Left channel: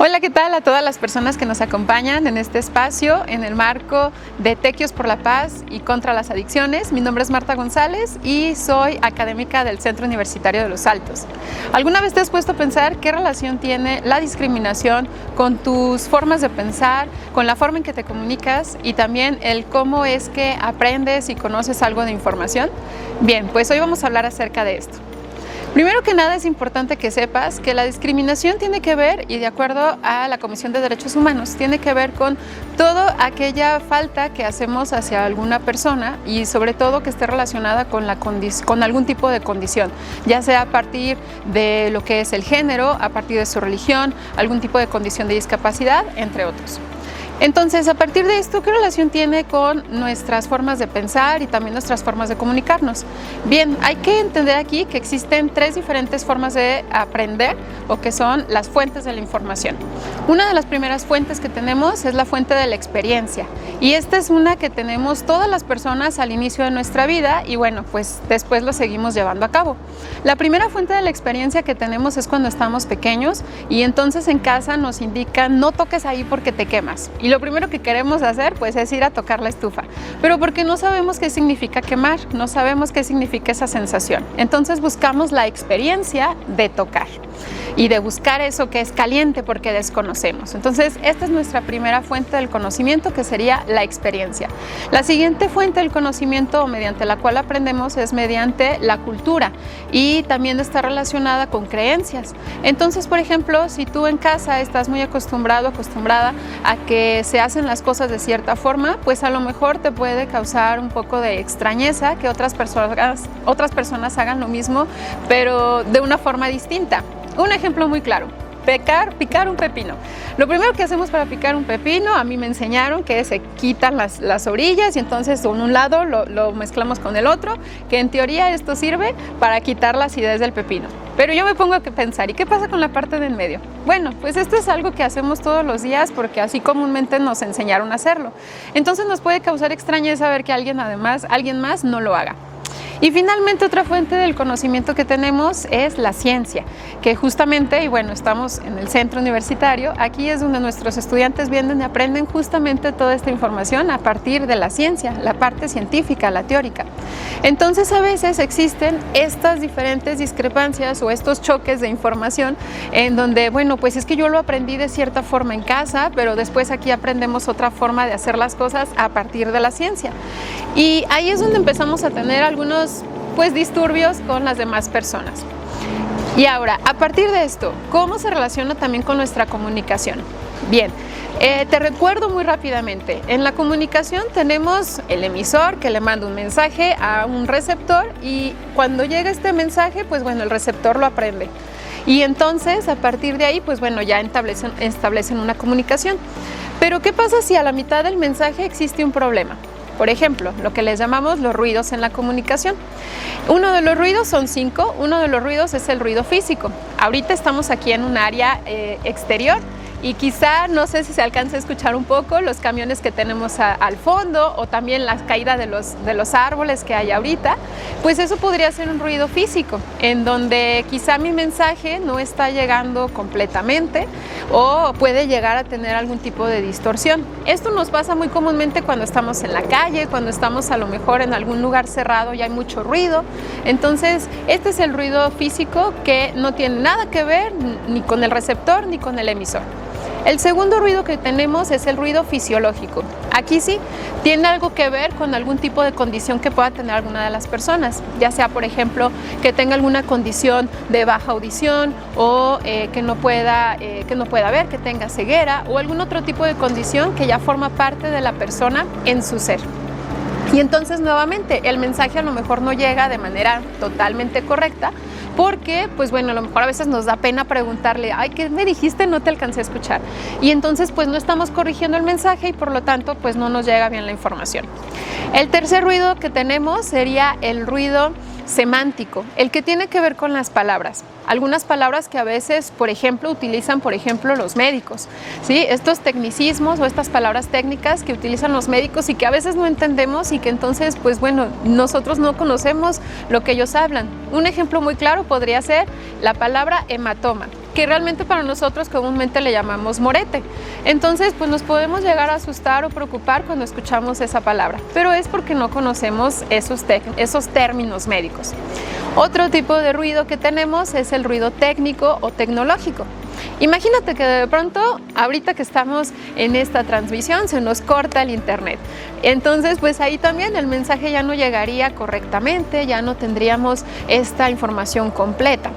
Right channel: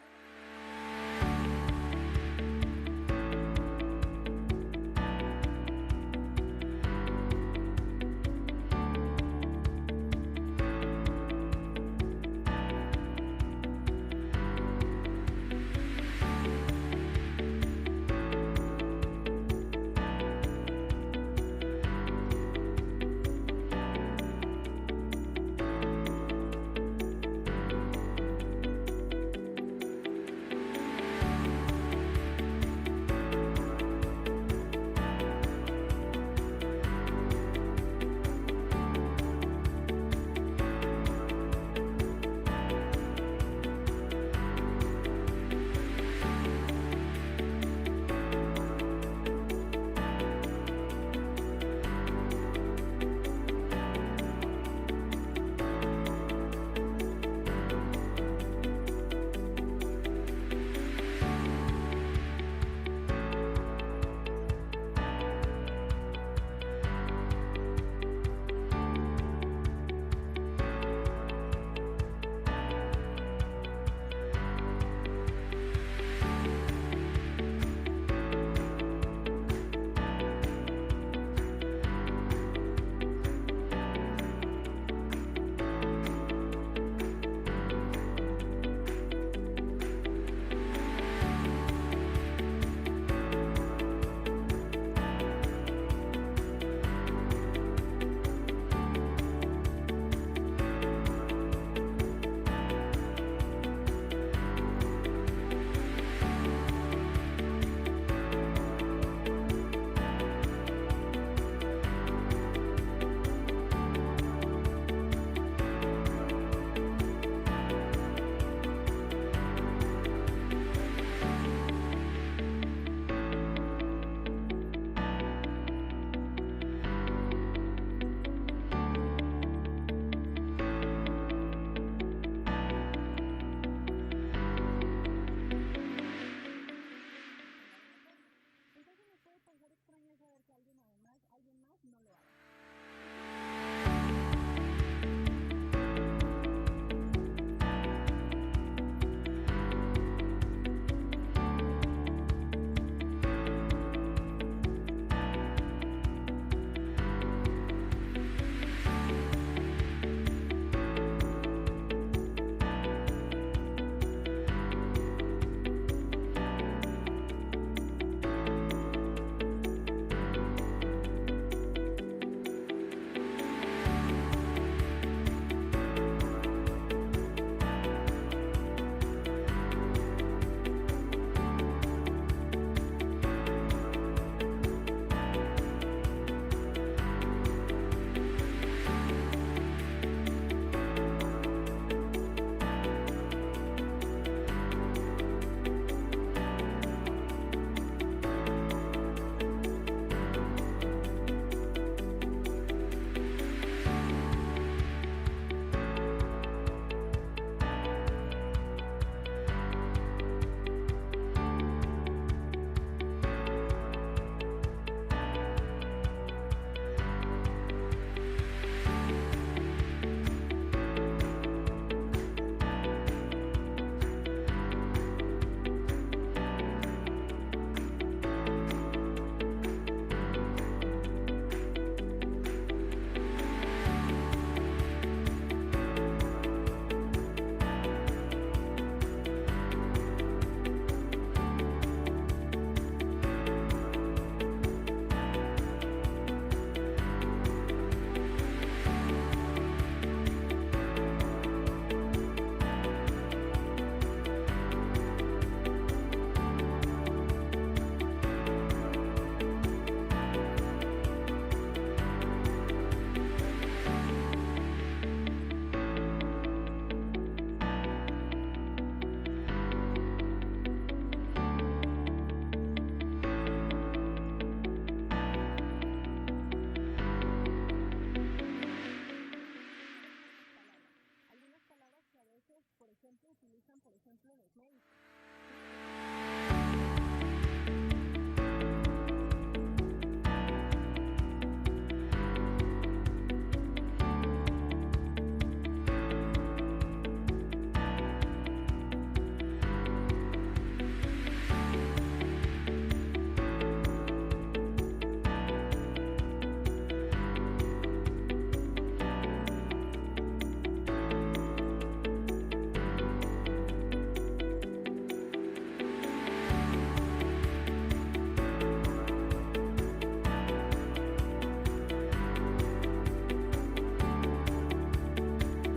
Hola, ¿qué tal a todas las personas que nos acompañan en este espacio en el marco de Tequios por la Paz y contra las adicciones? Mi nombre es Marta González y soy académica del Centro Universitario de Los Altos. ¿Alguna vez te has puesto a pensar qué relación tiene la discriminación con tus formas de pensar, con la forma en que te comunicas y también el cómo es que aprendes y conoces algo de información? Bien, pues hoy vamos a hablar acerca de esto. Primero que nada es importante que sepas que la discriminación tiene que ver, y de acuerdo a la Comisión de Derechos Humanos, tiene que ver con toda aquella falta que hacemos hacia alguna persona y sobre todo que esté relacionada con algún tipo de condición, ya sea a partir de lo que es el género, a partir de su religión, algún tipo de condición de discapacidad, entre otros. Entonces, a partir de esto, ¿qué relación tiene con nuestras formas de pensar y también nuestras formas de comunicarnos? Bien, hay que entender aquí que existen tres diferentes formas de aprender o que son las fuentes de la información. Una de las primeras fuentes que tenemos es la fuente de la experiencia y esta es una que tenemos todas las personas al inicio de nuestra vida y bueno, pues después lo seguimos llevando a cabo. La primera fuente de la experiencia que tenemos es cuando estamos pequeños y entonces en casa nos indican no toques ahí porque te quemas. Y lo primero que queremos hacer pues es ir a tocar la estufa, pero porque no sabemos qué significa quemar, no sabemos qué significa esa sensación. Entonces buscamos la experiencia de tocar y de buscar eso que es caliente porque desconocemos. Entonces esta es nuestra primera fuente del conocimiento, que sería la experiencia. La siguiente fuente del conocimiento mediante la cual aprendemos es mediante la cultura y también está relacionada con creencias. Entonces, por ejemplo, si tú en casa estás muy acostumbrado, acostumbrada a que se hacen las cosas de cierta forma, pues a lo mejor te puede causar un poco de extrañeza que otras personas hagan lo mismo, pero de una forma distinta. Un ejemplo muy claro. Picar un pepino. Lo primero que hacemos para picar un pepino, a mí me enseñaron que se quitan las orillas y entonces con un lado lo mezclamos con el otro, que en teoría esto sirve para quitar la acidez del pepino. Pero yo me pongo a pensar, ¿y qué pasa con la parte de en medio? Bueno, pues esto es algo que hacemos todos los días porque así comúnmente nos enseñaron a hacerlo. Entonces nos puede causar extrañeza ver que alguien más no lo haga. Y finalmente otra fuente del conocimiento que tenemos es la ciencia, que justamente, y bueno, estamos en el centro universitario, aquí es donde nuestros estudiantes vienen y aprenden justamente toda esta información a partir de la ciencia, la parte científica, la teórica. Entonces a veces existen estas diferentes discrepancias o estos choques de información en donde, bueno, pues es que yo lo aprendí de cierta forma en casa, pero después aquí aprendemos otra forma de hacer las cosas a partir de la ciencia. Y ahí es donde empezamos a tener algunos pues disturbios con las demás personas. Y ahora, a partir de esto, ¿cómo se relaciona también con nuestra comunicación? Bien, te recuerdo muy rápidamente, en la comunicación tenemos el emisor que le manda un mensaje a un receptor y cuando llega este mensaje, pues bueno, el receptor lo aprende. Y entonces, a partir de ahí, pues bueno, ya establecen una comunicación. Pero, ¿qué pasa si a la mitad del mensaje existe un problema? Por ejemplo, lo que les llamamos los ruidos en la comunicación. Uno de los ruidos son 5, uno de los ruidos es el ruido físico. Ahorita estamos aquí en un área exterior y quizá, no sé si se alcanza a escuchar un poco los camiones que tenemos al fondo o también la caída de los árboles que hay ahorita, pues eso podría ser un ruido físico, en donde quizá mi mensaje no está llegando completamente o puede llegar a tener algún tipo de distorsión. Esto nos pasa muy comúnmente cuando estamos en la calle, cuando estamos a lo mejor en algún lugar cerrado y hay mucho ruido. Entonces, este es el ruido físico que no tiene nada que ver ni con el receptor ni con el emisor. El segundo ruido que tenemos es el ruido fisiológico. Aquí sí tiene algo que ver con algún tipo de condición que pueda tener alguna de las personas, ya sea, por ejemplo, que tenga alguna condición de baja audición o que no pueda ver, que tenga ceguera o algún otro tipo de condición que ya forma parte de la persona en su ser. Y entonces, nuevamente, el mensaje a lo mejor no llega de manera totalmente correcta, porque, pues bueno, a lo mejor a veces nos da pena preguntarle, ay, ¿qué me dijiste? No te alcancé a escuchar. Y entonces, pues no estamos corrigiendo el mensaje y por lo tanto, pues no nos llega bien la información. El tercer ruido que tenemos sería el ruido semántico, el que tiene que ver con las palabras. Algunas palabras que a veces, por ejemplo, utilizan, por ejemplo, los médicos, ¿sí? Estos tecnicismos o estas palabras técnicas que utilizan los médicos y que a veces no entendemos y que entonces, pues bueno, nosotros no conocemos lo que ellos hablan. Un ejemplo muy claro podría ser la palabra hematoma, que realmente para nosotros comúnmente le llamamos morete. Entonces, pues nos podemos llegar a asustar o preocupar cuando escuchamos esa palabra, pero es porque no conocemos esos términos médicos. Otro tipo de ruido que tenemos es el ruido técnico o tecnológico. Imagínate que de pronto, ahorita que estamos en esta transmisión, se nos corta el internet. Entonces, pues ahí también el mensaje ya no llegaría correctamente, ya no tendríamos esta información completa.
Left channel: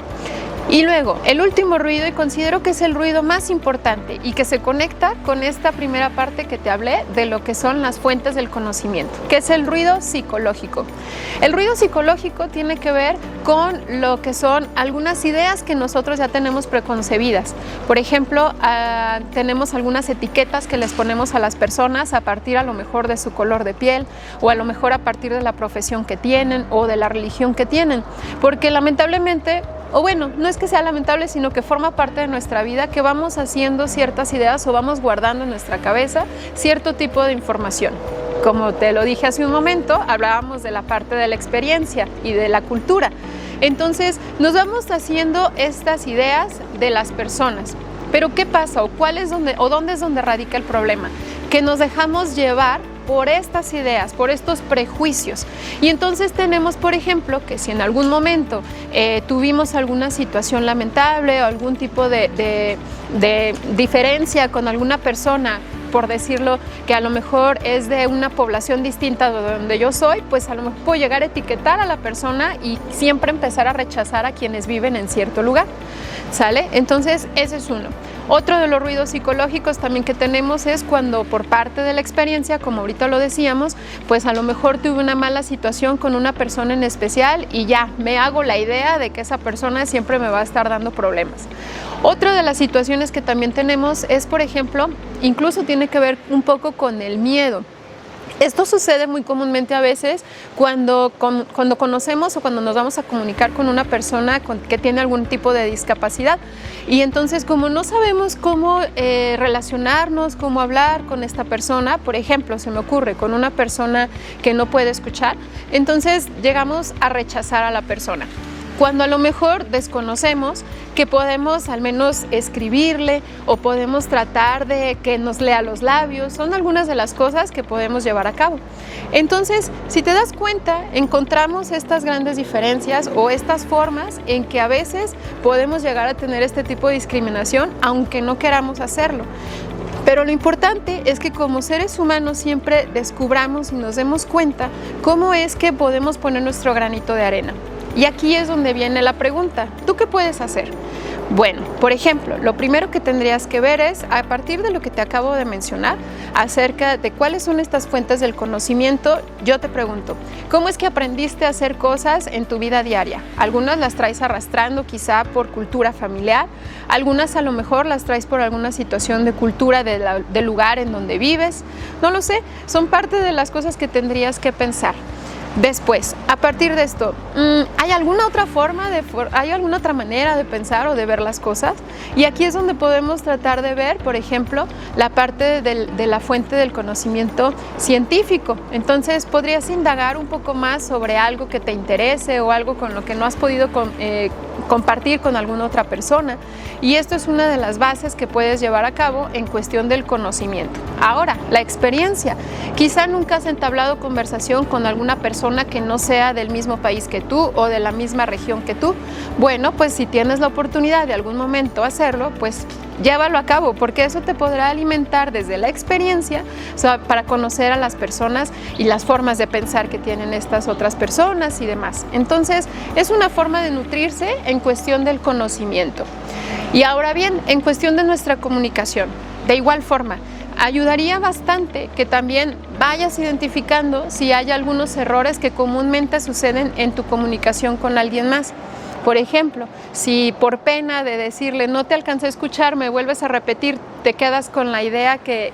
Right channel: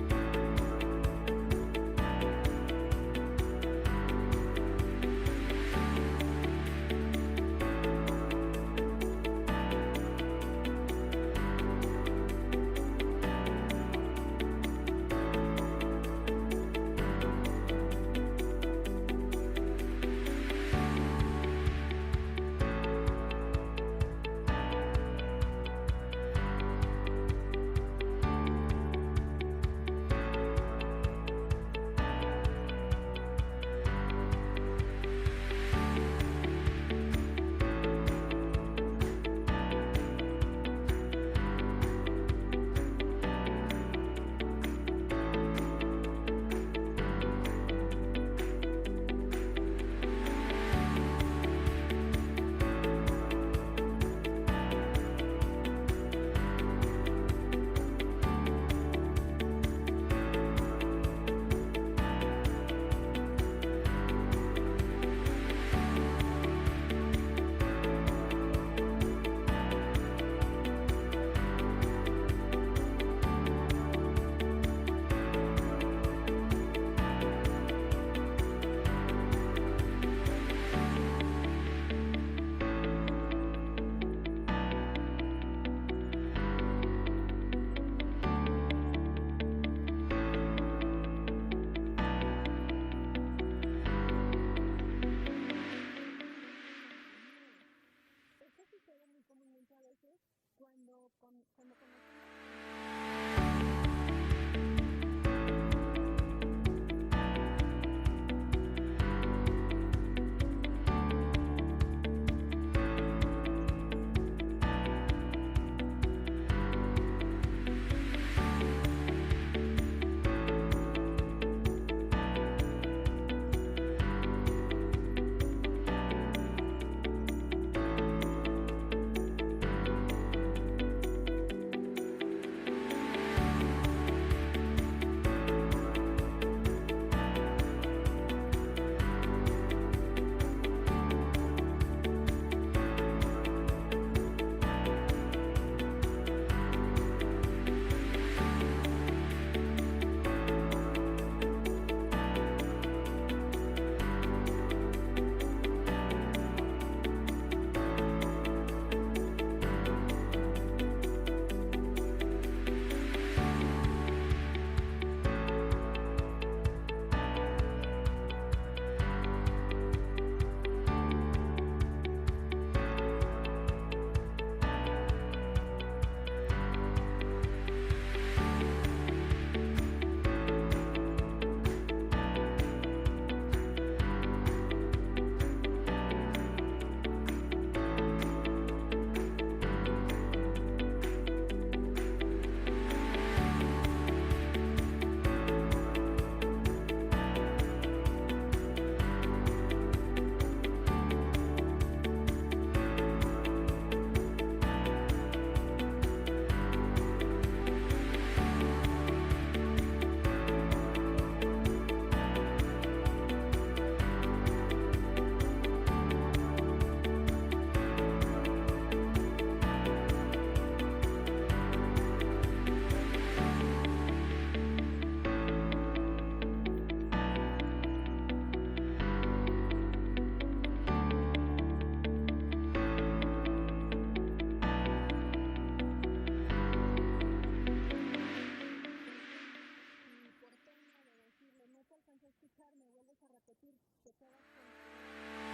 Y luego, el último ruido, y considero que es el ruido más importante y que se conecta con esta primera parte que te hablé de lo que son las fuentes del conocimiento, que es el ruido psicológico. El ruido psicológico tiene que ver con lo que son algunas ideas que nosotros ya tenemos preconcebidas. Por ejemplo, tenemos algunas etiquetas que les ponemos a las personas a partir a lo mejor de su color de piel o a lo mejor a partir de la profesión que tienen o de la religión que tienen, porque lamentablemente, o bueno, no es que sea lamentable, sino que forma parte de nuestra vida, que vamos haciendo ciertas ideas o vamos guardando en nuestra cabeza cierto tipo de información. Como te lo dije hace un momento, hablábamos de la parte de la experiencia y de la cultura. Entonces, nos vamos haciendo estas ideas de las personas. Pero ¿qué pasa? ¿Dónde es donde radica el problema? Que nos dejamos llevar por estas ideas, por estos prejuicios. Y entonces tenemos, por ejemplo, que si en algún momento tuvimos alguna situación lamentable o algún tipo de diferencia con alguna persona, por decirlo, que a lo mejor es de una población distinta de donde yo soy, pues a lo mejor puedo llegar a etiquetar a la persona y siempre empezar a rechazar a quienes viven en cierto lugar. ¿Sale? Entonces, ese es uno. Otro de los ruidos psicológicos también que tenemos es cuando por parte de la experiencia, como ahorita lo decíamos, pues a lo mejor tuve una mala situación con una persona en especial y ya me hago la idea de que esa persona siempre me va a estar dando problemas. Otra de las situaciones que también tenemos es, por ejemplo, incluso tiene que ver un poco con el miedo. Esto sucede muy comúnmente a veces cuando conocemos o cuando nos vamos a comunicar con una persona que tiene algún tipo de discapacidad. Y entonces, como no sabemos cómo relacionarnos, cómo hablar con esta persona, por ejemplo, se me ocurre con una persona que no puede escuchar, entonces llegamos a rechazar a la persona. Cuando a lo mejor desconocemos que podemos al menos escribirle o podemos tratar de que nos lea los labios, son algunas de las cosas que podemos llevar a cabo. Entonces, si te das cuenta, encontramos estas grandes diferencias o estas formas en que a veces podemos llegar a tener este tipo de discriminación, aunque no queramos hacerlo. Pero lo importante es que como seres humanos siempre descubramos y nos demos cuenta cómo es que podemos poner nuestro granito de arena. Y aquí es donde viene la pregunta, ¿tú qué puedes hacer? Bueno, por ejemplo, lo primero que tendrías que ver es, a partir de lo que te acabo de mencionar, acerca de cuáles son estas fuentes del conocimiento, yo te pregunto, ¿cómo es que aprendiste a hacer cosas en tu vida diaria? Algunas las traes arrastrando quizá por cultura familiar, algunas a lo mejor las traes por alguna situación de cultura del lugar en donde vives, no lo sé, son parte de las cosas que tendrías que pensar. Después, a partir de esto, ¿hay alguna otra forma, hay alguna otra manera de pensar o de ver las cosas? Y aquí es donde podemos tratar de ver, por ejemplo, la parte de la fuente del conocimiento científico. Entonces, podrías indagar un poco más sobre algo que te interese o algo con lo que no has podido compartir con alguna otra persona. Y esto es una de las bases que puedes llevar a cabo en cuestión del conocimiento. Ahora, la experiencia. Quizá nunca has entablado conversación con alguna persona que no sea del mismo país que tú o de la misma región que tú. Bueno, pues si tienes la oportunidad de algún momento hacerlo, pues llévalo a cabo, porque eso te podrá alimentar desde la experiencia, o sea, para conocer a las personas y las formas de pensar que tienen estas otras personas y demás. Entonces, es una forma de nutrirse en cuestión del conocimiento. Y ahora bien, en cuestión de nuestra comunicación, de igual forma, ayudaría bastante que también vayas identificando si hay algunos errores que comúnmente suceden en tu comunicación con alguien más. Por ejemplo, si por pena de decirle no te alcancé a escuchar, me vuelves a repetir, te quedas con la idea que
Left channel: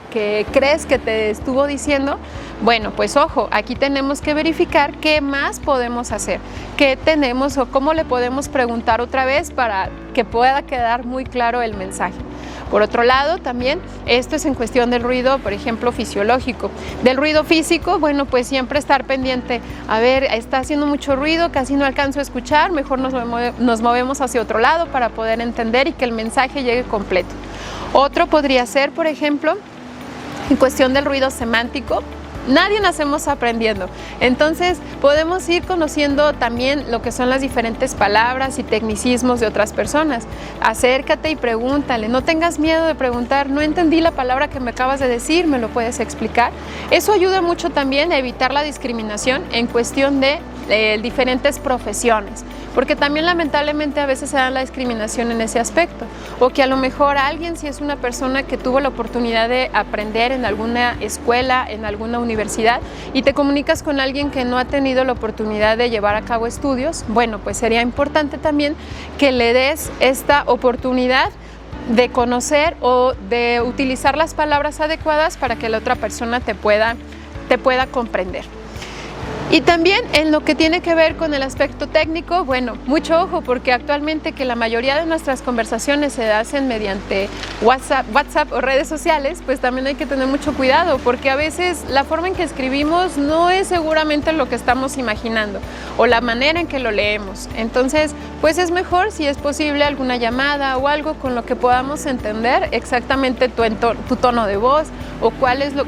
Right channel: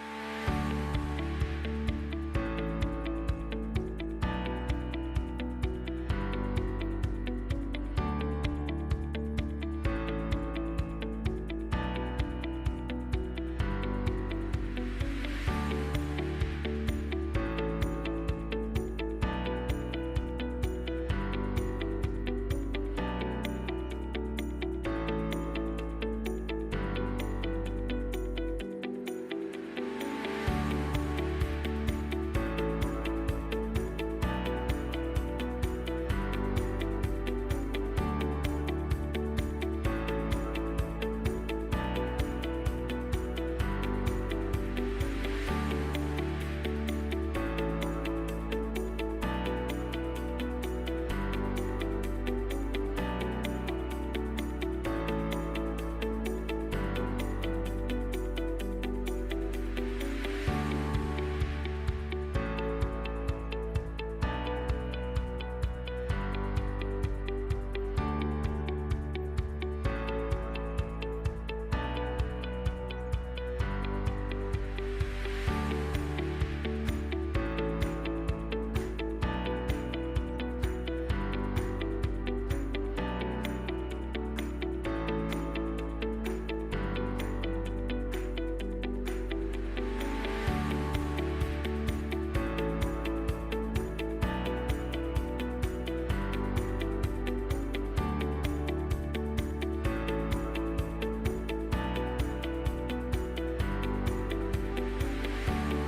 crees que te estuvo diciendo, bueno, pues ojo, aquí tenemos que verificar qué más podemos hacer, qué tenemos o cómo le podemos preguntar otra vez para que pueda quedar muy claro el mensaje. Por otro lado, también esto es en cuestión del ruido, por ejemplo, fisiológico. Del ruido físico, bueno, pues siempre estar pendiente. A ver, está haciendo mucho ruido, casi no alcanzo a escuchar, mejor nos movemos hacia otro lado para poder entender y que el mensaje llegue completo. Otro podría ser, por ejemplo, en cuestión del ruido semántico. Nadie nacemos aprendiendo, entonces podemos ir conociendo también lo que son las diferentes palabras y tecnicismos de otras personas. Acércate y pregúntale, no tengas miedo de preguntar, no entendí la palabra que me acabas de decir, ¿me lo puedes explicar? Eso ayuda mucho también a evitar la discriminación en cuestión de diferentes profesiones, porque también lamentablemente a veces se da la discriminación en ese aspecto, o que a lo mejor alguien, si es una persona que tuvo la oportunidad de aprender en alguna escuela, en alguna universidad, y te comunicas con alguien que no ha tenido la oportunidad de llevar a cabo estudios, bueno, pues sería importante también que le des esta oportunidad de conocer o de utilizar las palabras adecuadas para que la otra persona te pueda comprender. Y también en lo que tiene que ver con el aspecto técnico, bueno, mucho ojo, porque actualmente que la mayoría de nuestras conversaciones se hacen mediante WhatsApp o redes sociales, pues también hay que tener mucho cuidado, porque a veces la forma en que escribimos no es seguramente lo que estamos imaginando o la manera en que lo leemos. Entonces, pues es mejor, si es posible, alguna llamada o algo con lo que podamos entender exactamente tu tono de voz o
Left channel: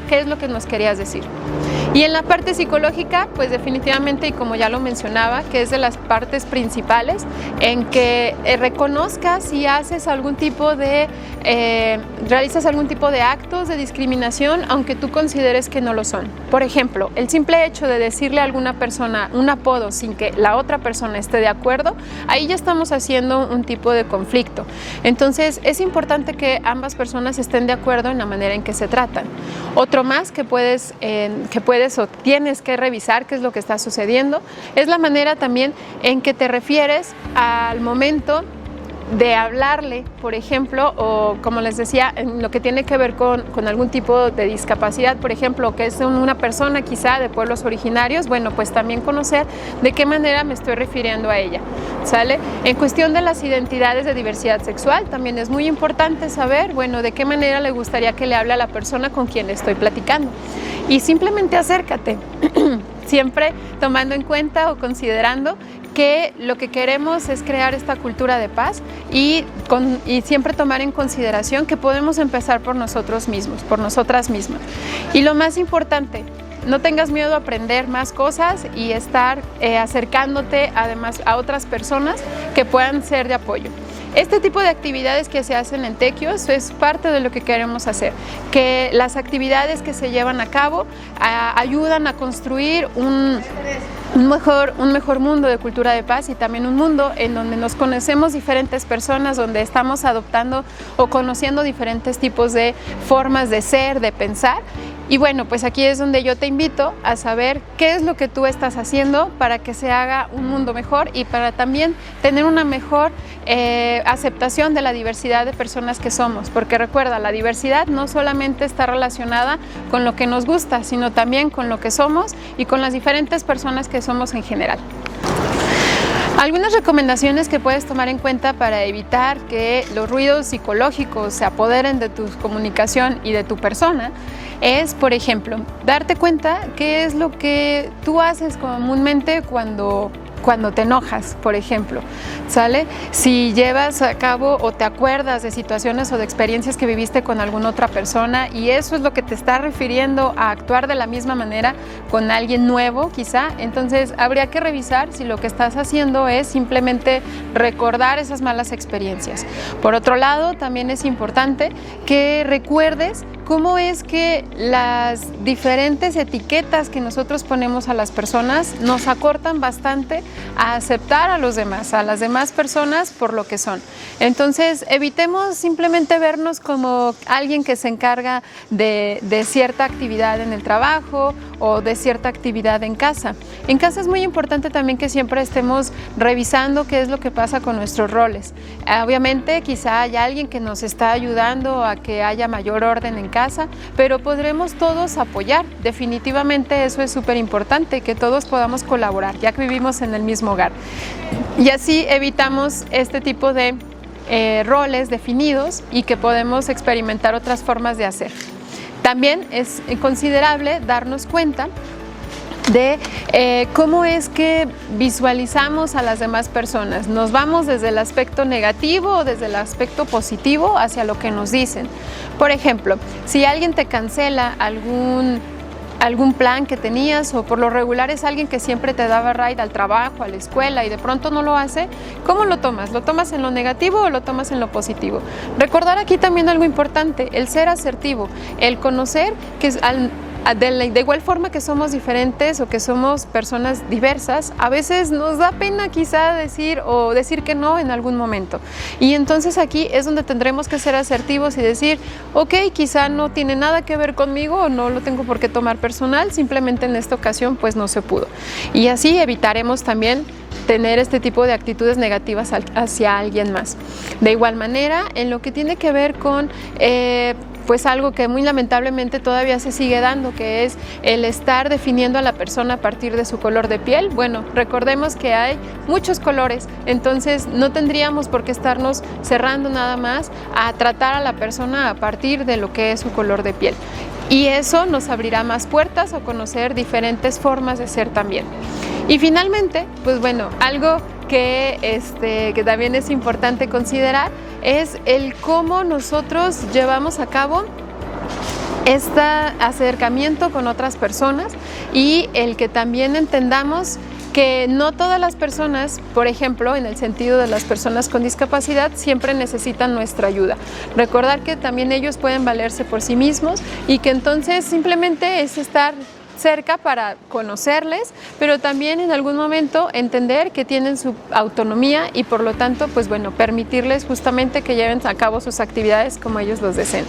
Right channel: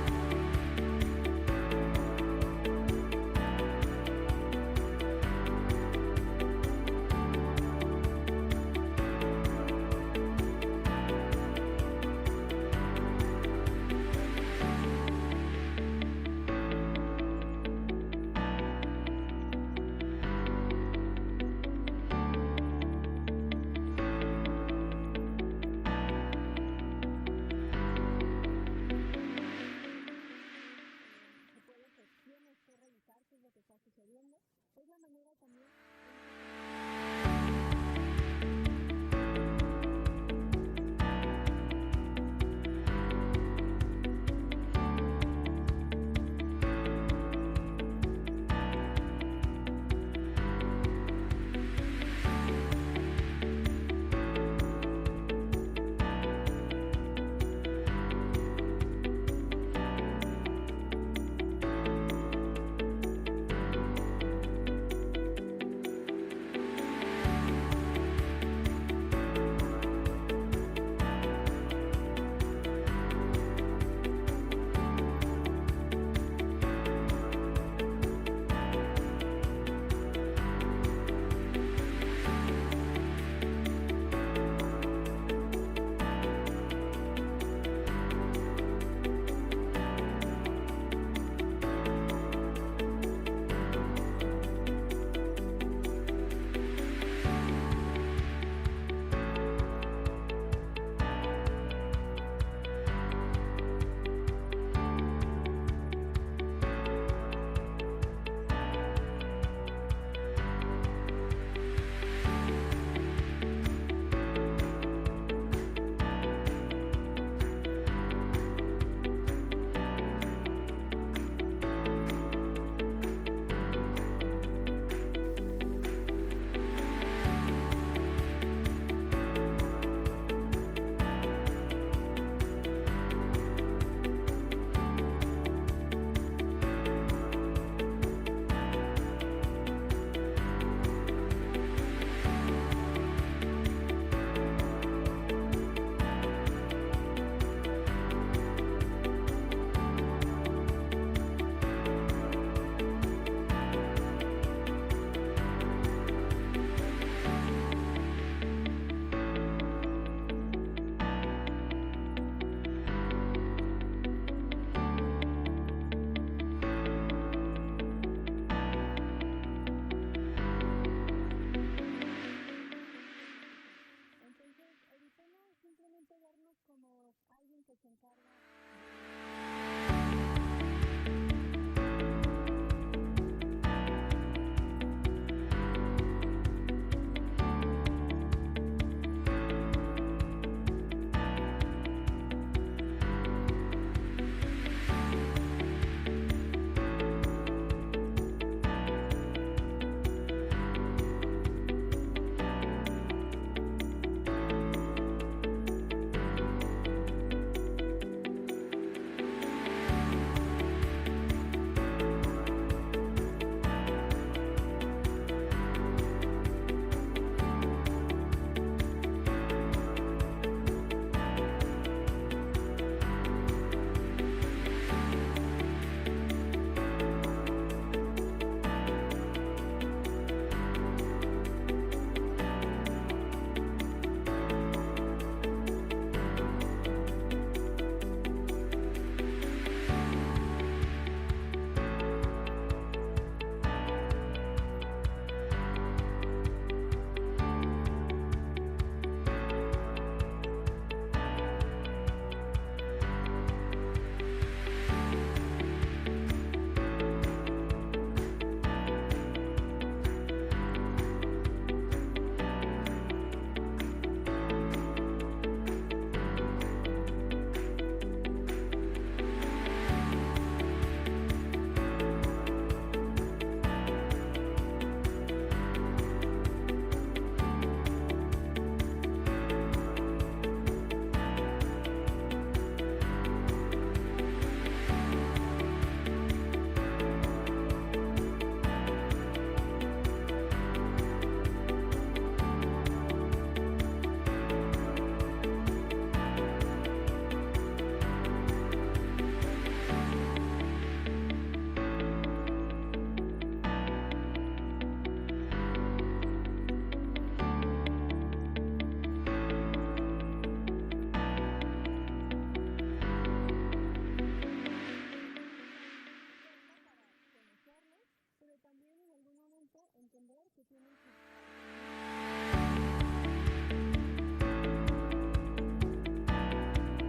qué es lo que nos querías decir. Y en la parte psicológica, pues definitivamente, y como ya lo mencionaba, que es de las partes principales, en que reconozcas si haces realizas algún tipo de actos de discriminación, aunque tú consideres que no lo son. Por ejemplo, el simple hecho de decirle a alguna persona un apodo sin que la otra persona esté de acuerdo, ahí ya estamos haciendo un tipo de conflicto. Entonces, es importante que ambas personas estén de acuerdo en la manera en que se tratan. Otro más que puedes o tienes que revisar qué es lo que está sucediendo, es la manera también en que te refieres al momento de hablarle, por ejemplo, o como les decía, en lo que tiene que ver con algún tipo de discapacidad, por ejemplo, que es una persona quizá de pueblos originarios, bueno, pues también conocer de qué manera me estoy refiriendo a ella, ¿sale? En cuestión de las identidades de diversidad sexual, también es muy importante saber, bueno, de qué manera le gustaría que le hable a la persona con quien le estoy platicando. Y simplemente acércate, siempre tomando en cuenta o considerando que lo que queremos es crear esta cultura de paz y siempre tomar en consideración que podemos empezar por nosotros mismos, por nosotras mismas. Y lo más importante, no tengas miedo a aprender más cosas y estar acercándote además a otras personas que puedan ser de apoyo. Este tipo de actividades que se hacen en Tequios es parte de lo que queremos hacer, que las actividades que se llevan a cabo ayudan a construir un mejor mundo de cultura de paz y también un mundo en donde nos conocemos diferentes personas, donde estamos adoptando o conociendo diferentes tipos de formas de ser, de pensar. Y bueno, pues aquí es donde yo te invito a saber qué es lo que tú estás haciendo para que se haga un mundo mejor y para también tener una mejor aceptación de la diversidad de personas que somos. Porque recuerda, la diversidad no solamente está relacionada con lo que nos gusta, sino también con lo que somos y con las diferentes personas que somos en general. Algunas recomendaciones que puedes tomar en cuenta para evitar que los ruidos psicológicos se apoderen de tu comunicación y de tu persona es, por ejemplo, darte cuenta qué es lo que tú haces comúnmente cuando te enojas, por ejemplo, ¿sale? Si llevas a cabo o te acuerdas de situaciones o de experiencias que viviste con alguna otra persona y eso es lo que te está refiriendo a actuar de la misma manera con alguien nuevo, quizá, entonces habría que revisar si lo que estás haciendo es simplemente recordar esas malas experiencias. Por otro lado, también es importante que recuerdes cómo es que las diferentes etiquetas que nosotros ponemos a las personas nos acortan bastante a aceptar a los demás, a las demás personas por lo que son. Entonces, evitemos simplemente vernos como alguien que se encarga de cierta actividad en el trabajo o de cierta actividad en casa. En casa es muy importante también que siempre estemos revisando qué es lo que pasa con nuestros roles. Obviamente, quizá haya alguien que nos está ayudando a que haya mayor orden en casa, pero podremos todos apoyar. Definitivamente eso es súper importante, que todos podamos colaborar, ya que vivimos en el mismo hogar. Y así evitamos este tipo de roles definidos y que podemos experimentar otras formas de hacer. También es considerable darnos cuenta de cómo es que visualizamos a las demás personas. Nos vamos desde el aspecto negativo o desde el aspecto positivo hacia lo que nos dicen. Por ejemplo, si alguien te cancela algún plan que tenías, o por lo regular es alguien que siempre te daba ride al trabajo, a la escuela, y de pronto no lo hace, ¿cómo lo tomas? ¿Lo tomas en lo negativo o lo tomas en lo positivo? Recordar aquí también algo importante, el ser asertivo, el conocer que de igual forma que somos diferentes o que somos personas diversas, a veces nos da pena quizá decir que no en algún momento. Y entonces aquí es donde tendremos que ser asertivos y decir, ok, quizá no tiene nada que ver conmigo o no lo tengo por qué tomar personal, simplemente en esta ocasión pues no se pudo. Y así evitaremos también tener este tipo de actitudes negativas hacia alguien más. De igual manera, en lo que tiene que ver con pues algo que muy lamentablemente todavía se sigue dando, que es el estar definiendo a la persona a partir de su color de piel. Bueno, recordemos que hay muchos colores, entonces no tendríamos por qué estarnos cerrando nada más a tratar a la persona a partir de lo que es su color de piel. Y eso nos abrirá más puertas a conocer diferentes formas de ser también. Y finalmente, pues bueno, algo que también es importante considerar es el cómo nosotros llevamos a cabo este acercamiento con otras personas, y el que también entendamos que no todas las personas, por ejemplo, en el sentido de las personas con discapacidad, siempre necesitan nuestra ayuda. Recordar que también ellos pueden valerse por sí mismos y que entonces simplemente es estar cerca para conocerles, pero también en algún momento entender que tienen su autonomía y por lo tanto, pues bueno, permitirles justamente que lleven a cabo sus actividades como ellos los deseen.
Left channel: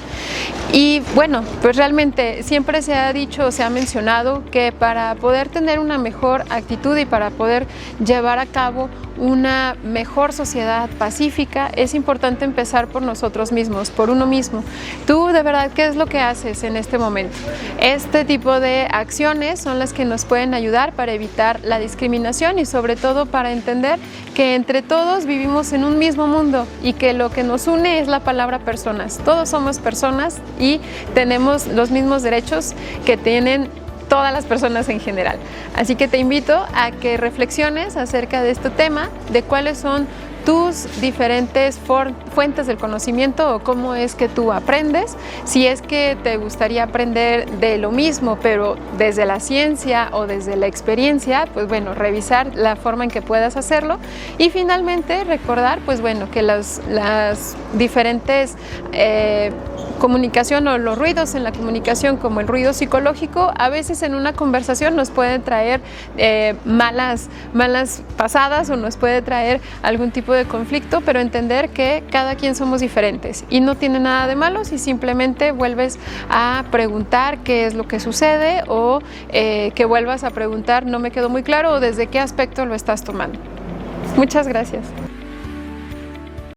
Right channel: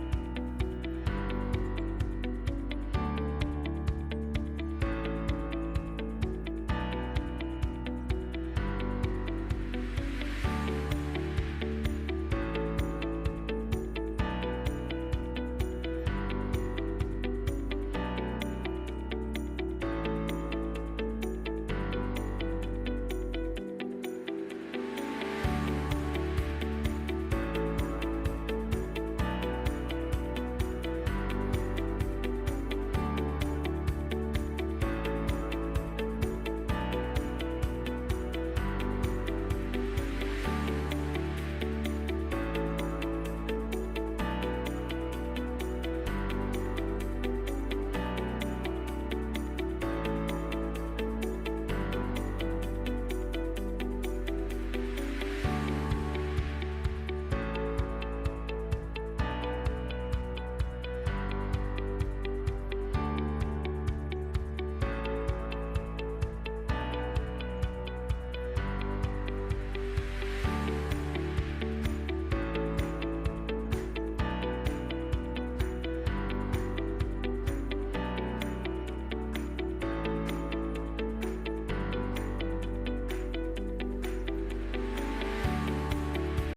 Y bueno, pues realmente siempre se ha dicho, se ha mencionado que para poder tener una mejor actitud y para poder llevar a cabo una mejor sociedad pacífica, es importante empezar por nosotros mismos, por uno mismo. Tú, de verdad, ¿qué es lo que haces en este momento? Este tipo de acciones son las que nos pueden ayudar para evitar la discriminación y sobre todo para entender que entre todos vivimos en un mismo mundo y que lo que nos une es la palabra personas. Todos somos personas y tenemos los mismos derechos que tienen todas las personas en general. Así que te invito a que reflexiones acerca de este tema, de cuáles son tus diferentes fuentes del conocimiento o cómo es que tú aprendes. Si es que te gustaría aprender de lo mismo, pero desde la ciencia o desde la experiencia, pues bueno, revisar la forma en que puedas hacerlo. Y finalmente recordar, pues bueno, que las diferentes comunicación o los ruidos en la comunicación, como el ruido psicológico, a veces en una conversación nos pueden traer malas pasadas o nos puede traer algún tipo de conflicto, pero entender que cada quien somos diferentes y no tiene nada de malo si simplemente vuelves a preguntar qué es lo que sucede o que vuelvas a preguntar no me quedó muy claro o desde qué aspecto lo estás tomando. Muchas gracias.